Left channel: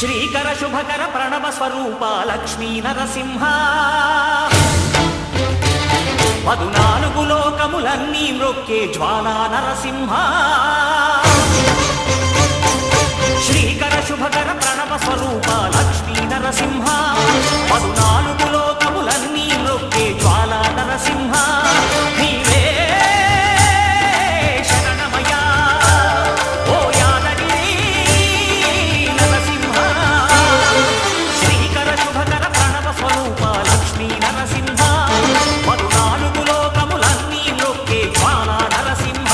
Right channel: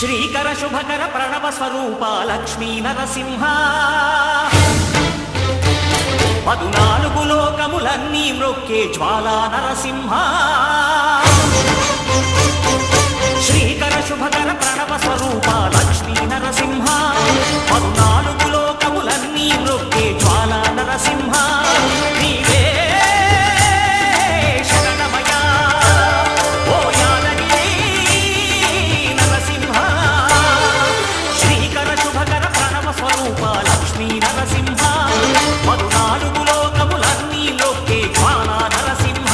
శ్రీకర శుభకర ప్రణవ స్వరూప లక్ష్మీ నరసింహ 14 లోకములన్నీ మ్రొక్కే జ్వాలా నరసింహ శ్రీకర శుభకర ప్రణవ స్వరూప లక్ష్మీ నరసింహ 14 లోకములన్నీ మ్రొక్కే జ్వాలా నరసింహ నీవే శరణమయా ఓ యాదగిరి నరసింహ శ్రీకర శుభకర ప్రణవ స్వరూప లక్ష్మీ నరసింహ 14 లోకములన్నీ మ్రొక్కే జ్వాలా నరసింహ